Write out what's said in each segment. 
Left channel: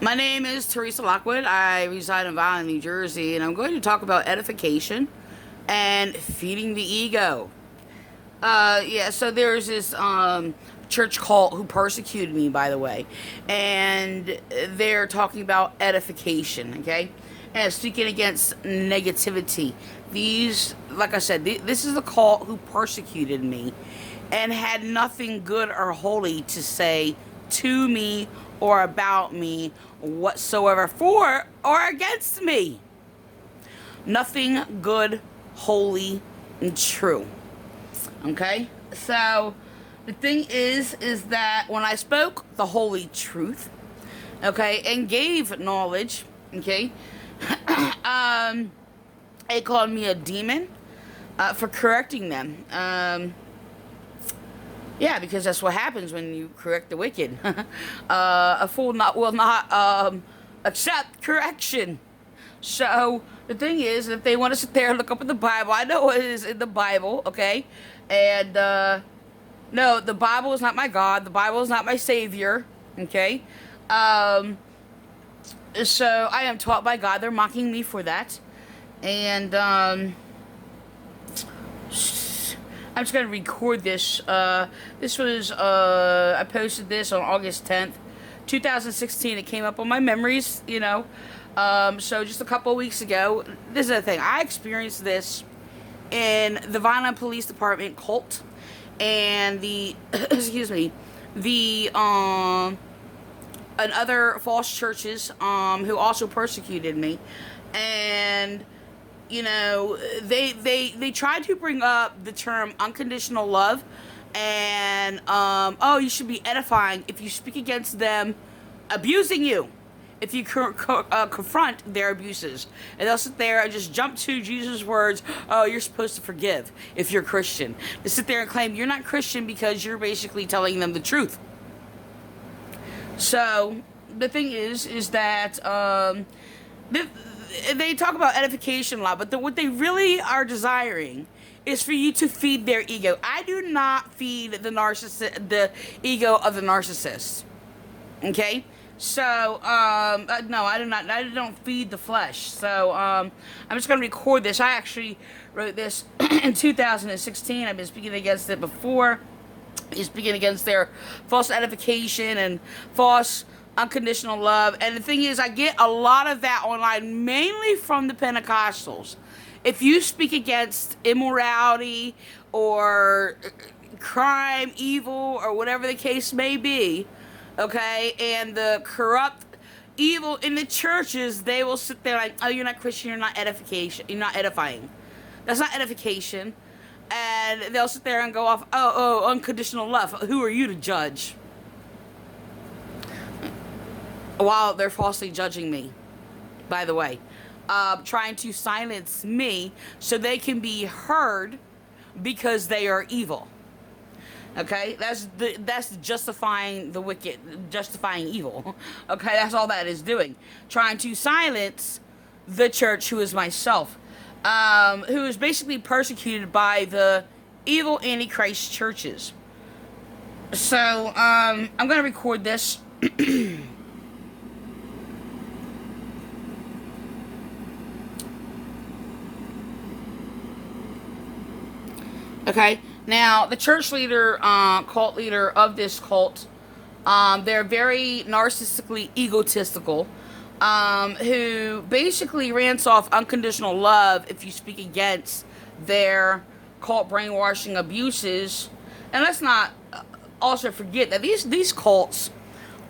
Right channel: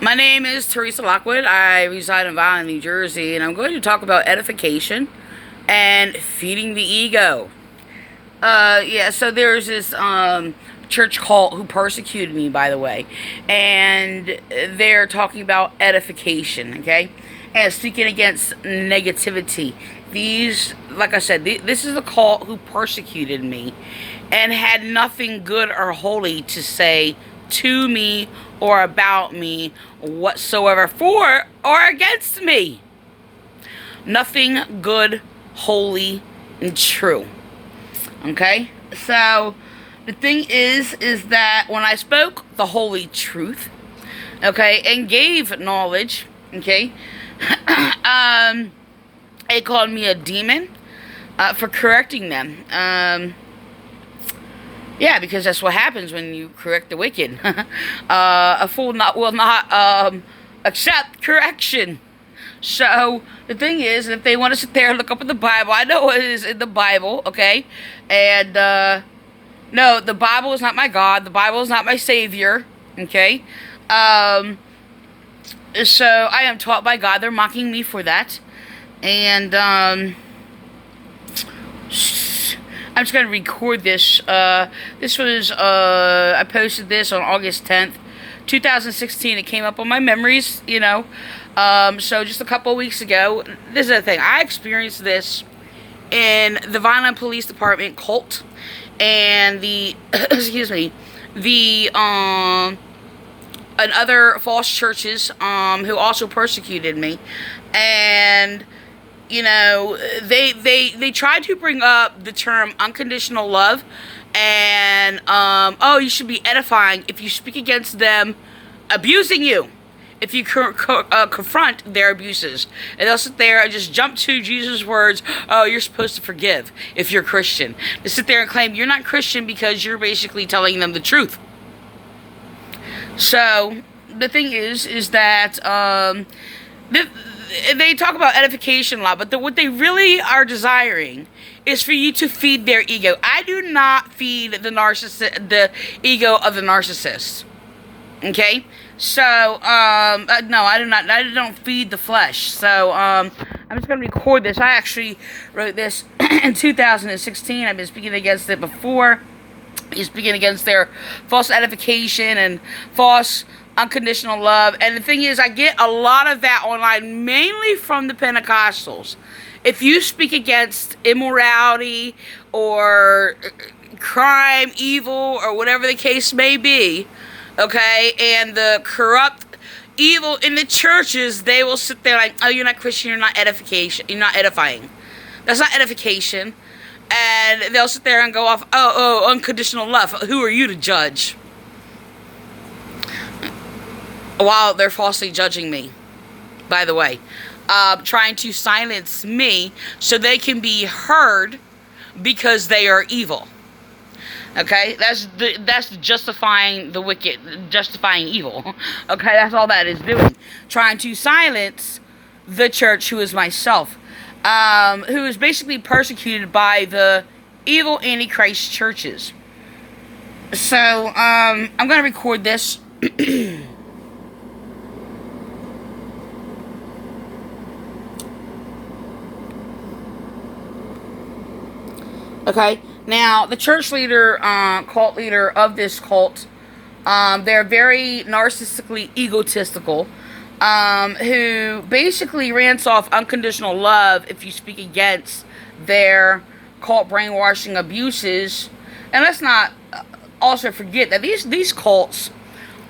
My name is Teresa Lockwood. I reside in Violin, New Jersey, and I'm going to talk about edification and feeding the ego. So there's this church cult who persecuted me, by the way, and they're talking about edification, okay, and speaking against negativity. These, like I said, this is a cult who persecuted me and had nothing good or holy to say to me or about me whatsoever, for or against me. Nothing good, holy, and true. Okay? So the thing is that when I spoke the holy truth, okay, and gave knowledge, okay, they called me a demon for correcting them. Yeah, because that's what happens when you correct the wicked. A fool will not accept correction. So the thing is, if they want to sit there and look up in the Bible, I know it is in the Bible, okay? And no, the Bible is not my God. The Bible is not my Savior, okay? So I am taught by God. They're mocking me for that. And I'm just going to record this. This was, I posted this on August 10th, 2016. It came up on my memories, you know. So just a couple of weeks ago, this is the thing. I experienced this in the Violent Police Department cult and the, excuse me, the, and other false churches, who also persecuted me. And you know, they tried to bring up the term unconditional love and, oh, you should be edifying if you speak against them abusing you, if you confront their abuses. And they'll sit there and just jump to Jesus' words, oh, you're supposed to forgive if you're Christian. They sit there and claim you're not Christian because you're basically telling them the truth. So, the thing is that, they talk about edification a lot, but what they really are desiring is for you to feed their ego. I do not feed the ego of the narcissist. Okay? So, no, I do not. I don't feed the flesh. So, I'm just going to record this. I actually wrote this in 2016. I've been speaking against it before. He's speaking against their false edification and false unconditional love. And the thing is, I get a lot of that online, mainly from the Pentecostals. If you speak against immorality or crime, evil, or whatever the case may be, okay, and the corrupt evil in the churches, they will sit there like, oh, you're not Christian, you're not edification, you're not edifying. That's not edification. And they'll sit there and go off, oh, unconditional love. Who are you to judge? While they're falsely judging me, by the way, trying to silence me so they can be heard because they are evil. Okay, that's justifying the wicked, justifying evil. Okay, that's all that is doing, trying to silence the church, who is myself, who is basically persecuted by the evil Antichrist churches. So I'm gonna record this. Okay, now the church leader, cult leader of this cult, they're very narcissistically egotistical, who basically rants off unconditional love if you speak against their cult brainwashing abuses. And let's not also forget that these cults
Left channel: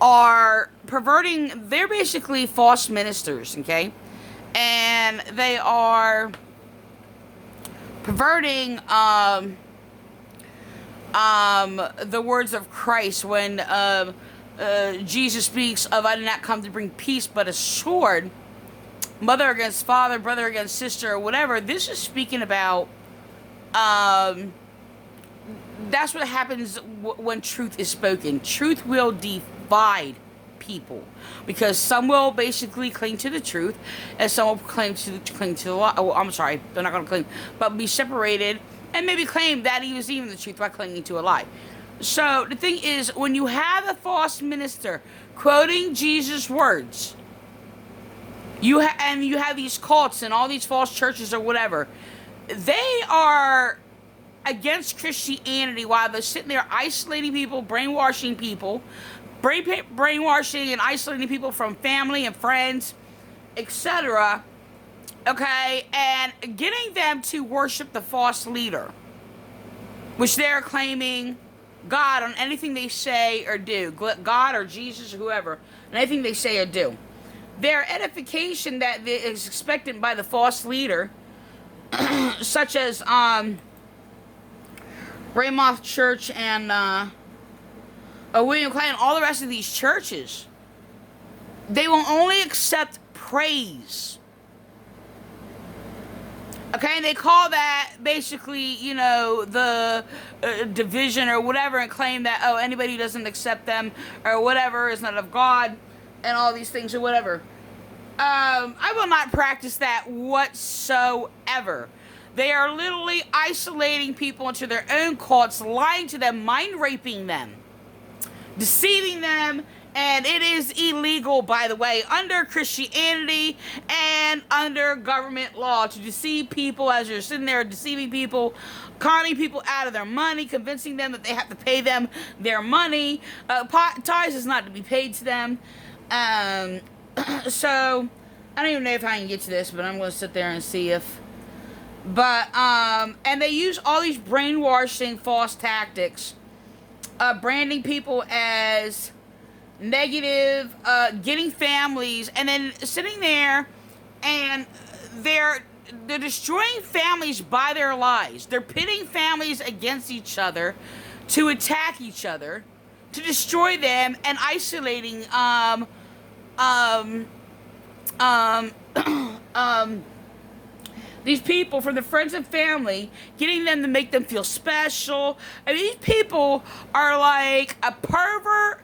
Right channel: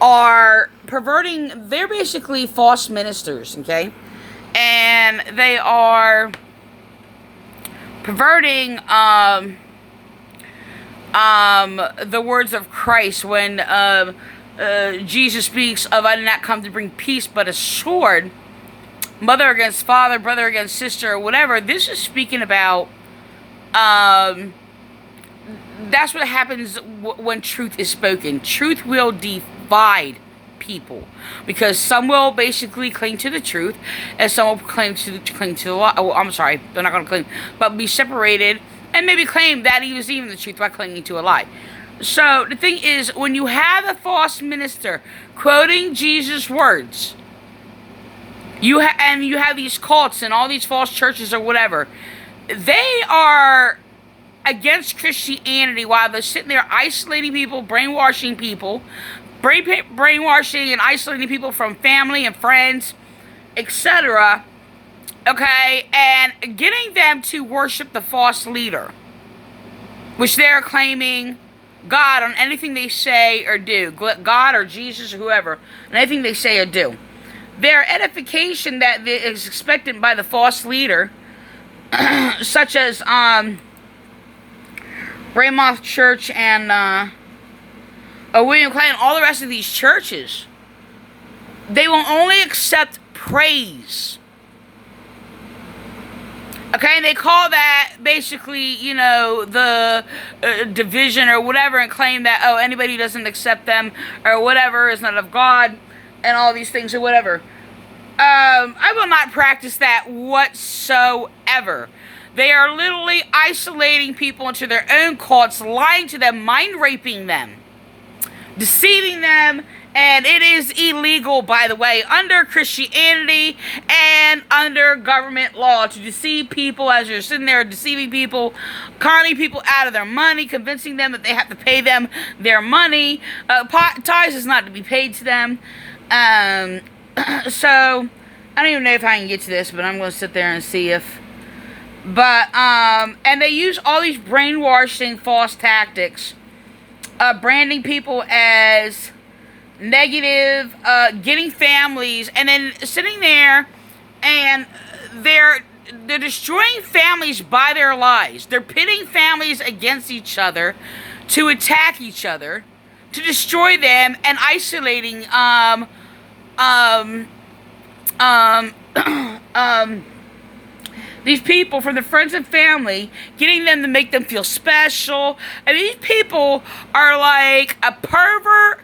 are perverting, they're basically false ministers, okay? And they are perverting the words of Christ when Jesus speaks of, I did not come to bring peace but a sword. Mother against father, brother against sister, or whatever. This is speaking about that's what happens when truth is spoken. Truth will divide people, because some will basically cling to the truth and some will cling to the lie. Oh, I'm sorry, they're not going to claim, but be separated and maybe claim that he was even the truth by clinging to a lie. So the thing is, when you have a false minister quoting Jesus' words, you have these cults and all these false churches or whatever, they are against Christianity while they're sitting there isolating people, brainwashing people, brainwashing and isolating people from family and friends, etc. Okay, and getting them to worship the false leader, which they're claiming God on anything they say or do. God or Jesus or whoever, on anything they say or do. Their edification that is expected by the false leader, such as Ramoth Church and William Clay and all the rest of these churches, they will only accept praise. Okay, and they call that basically, the division or whatever, and claim that, anybody who doesn't accept them or whatever is not of God and all these things or whatever. I will not practice that whatsoever. They are literally isolating people into their own cults, lying to them, mind raping them, deceiving them. And it is illegal, by the way, under Christianity and under government law to deceive people as you're sitting there deceiving people, conning people out of their money, convincing them that they have to pay them their money. Tithes is not to be paid to them. So, I don't even know if I can get to this, but I'm going to sit there and see if... But, and they use all these brainwashing false tactics, branding people as negative, getting families, and then sitting there, and they're destroying families by their lies. They're pitting families against each other to attack each other, to destroy them, and isolating these people from their friends and family, getting them to make them feel special. And these people are like a pervert,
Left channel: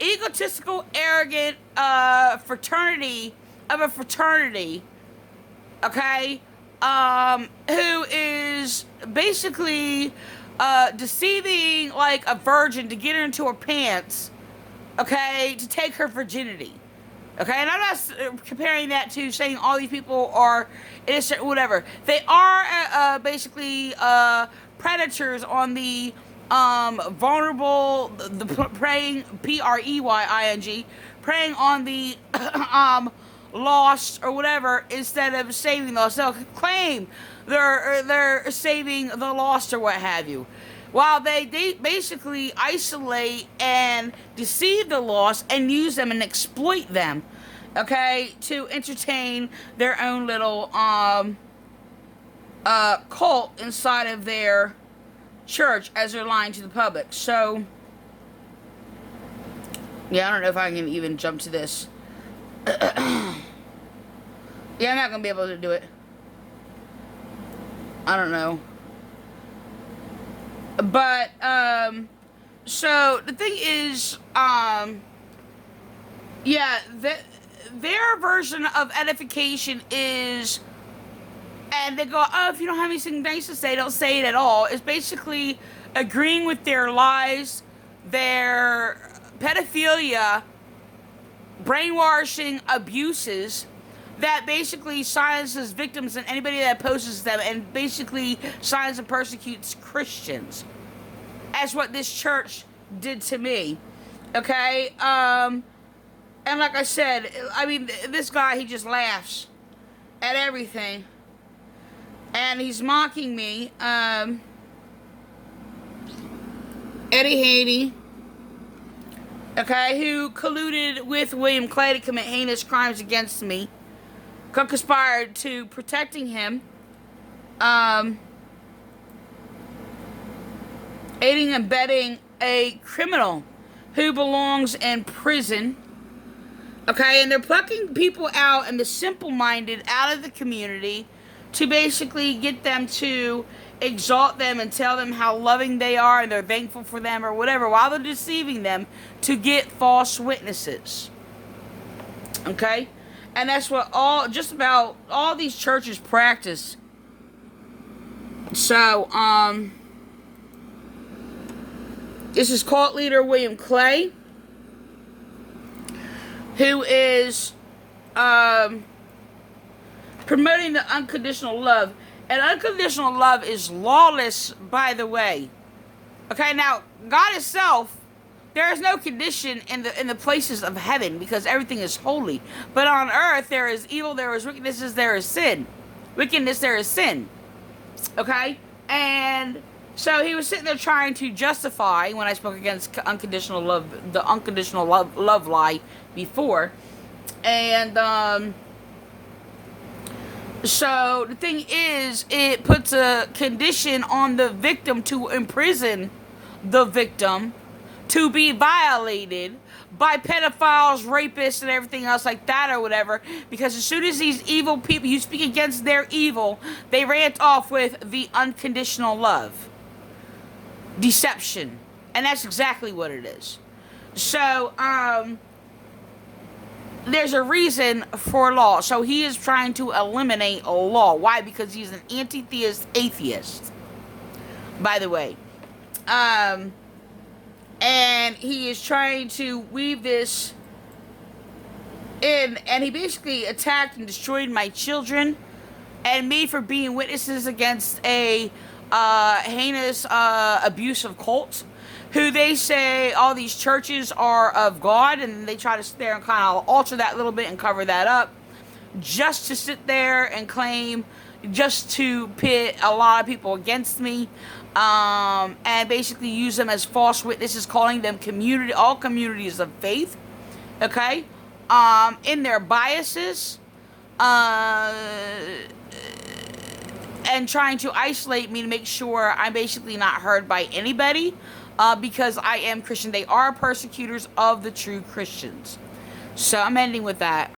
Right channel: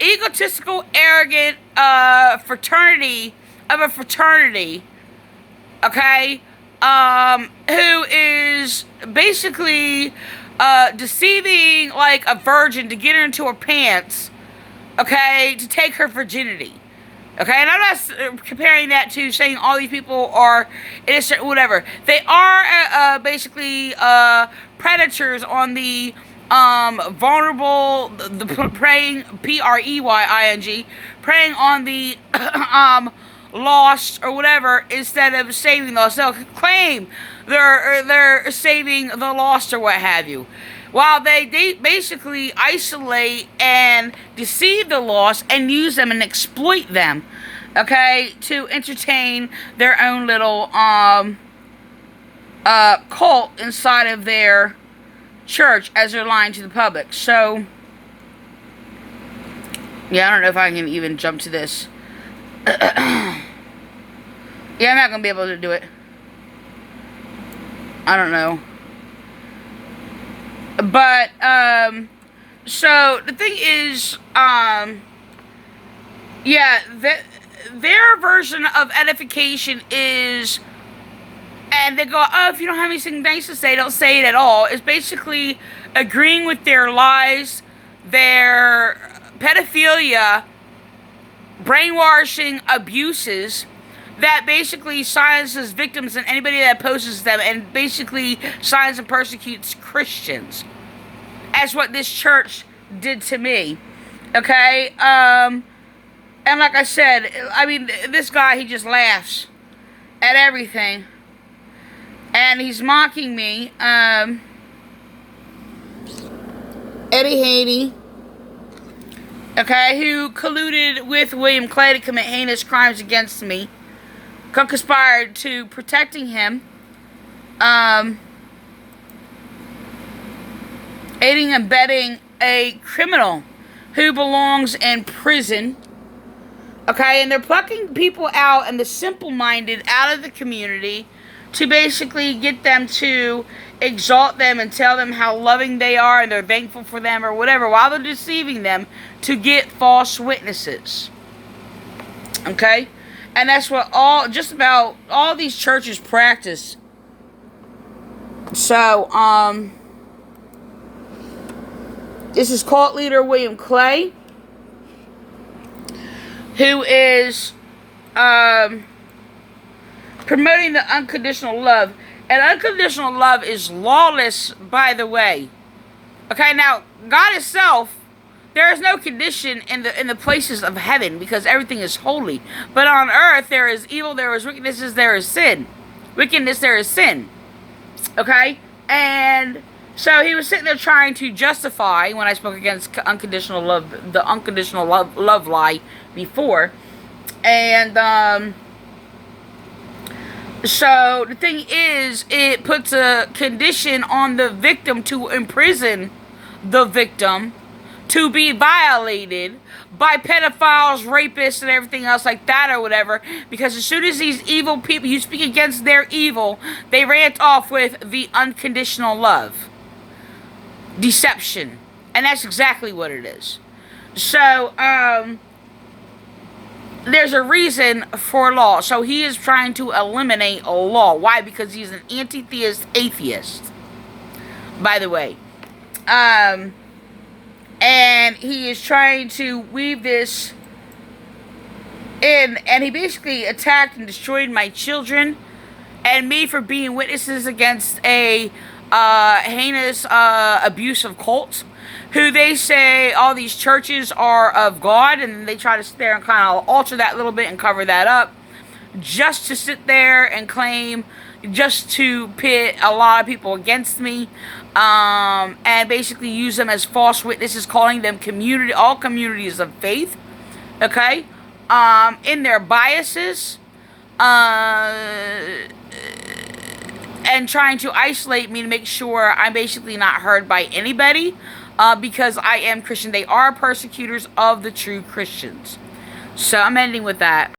egotistical, arrogant fraternity, okay, who is basically deceiving like a virgin to get her into her pants, okay, to take her virginity. Okay, and I'm not comparing that to saying all these people are innocent, whatever. They are basically predators on the vulnerable, the preying, preying, preying on the lost or whatever, instead of saving those. They'll claim they're saving the lost or what have you, while they basically isolate and deceive the lost and use them and exploit them, okay, to entertain their own little cult inside of their church as they're lying to the public. So, yeah, I don't know if I can even jump to this. Yeah, I'm not going to be able to do it. I don't know. But, so, the thing is, yeah, their version of edification is, and they go, if you don't have anything nice to say, don't say it at all. It's basically agreeing with their lies, their pedophilia, brainwashing abuses, that basically silences victims and anybody that opposes them, and basically silences and persecutes Christians. That's what this church did to me. Okay? And like I said, I mean, this guy, he just laughs at everything. And he's mocking me. Eddie Haney, okay, who colluded with William Clay to commit heinous crimes against me, conspired to protecting him, aiding and abetting a criminal who belongs in prison, okay, and they're plucking people out and the simple-minded out of the community to basically get them to exalt them and tell them how loving they are and they're thankful for them or whatever, while they're deceiving them to get false witnesses. Okay? And that's what just about all these churches practice. So, This is cult leader William Clay, who is promoting the unconditional love. And unconditional love is lawless, by the way. Okay, now, God itself, there is no condition in the places of heaven because everything is holy. But on earth, there is evil, there is wickedness, there is sin. Wickedness, there is sin. Okay? And so he was sitting there trying to justify, when I spoke against unconditional love, the unconditional love lie before. And, so the thing is, it puts a condition on the victim to imprison the victim to be violated by pedophiles, rapists, and everything else like that or whatever. Because as soon as these evil people, you speak against their evil, they rant off with the unconditional love. Deception. And that's exactly what it is. So, there's a reason for law. So he is trying to eliminate a law. Why? Because he's an anti-theist atheist, by the way. And he is trying to weave this in. And he basically attacked and destroyed my children and me for being witnesses against a heinous abuse of cults, who they say all these churches are of God, and they try to sit there and kind of alter that a little bit and cover that up, just to sit there and claim, just to pit a lot of people against me, and basically use them as false witnesses, calling them all communities of faith, okay, in their biases, and trying to isolate me to make sure I'm basically not heard by anybody, because I am Christian. They are persecutors of the true Christians. So I'm ending with that.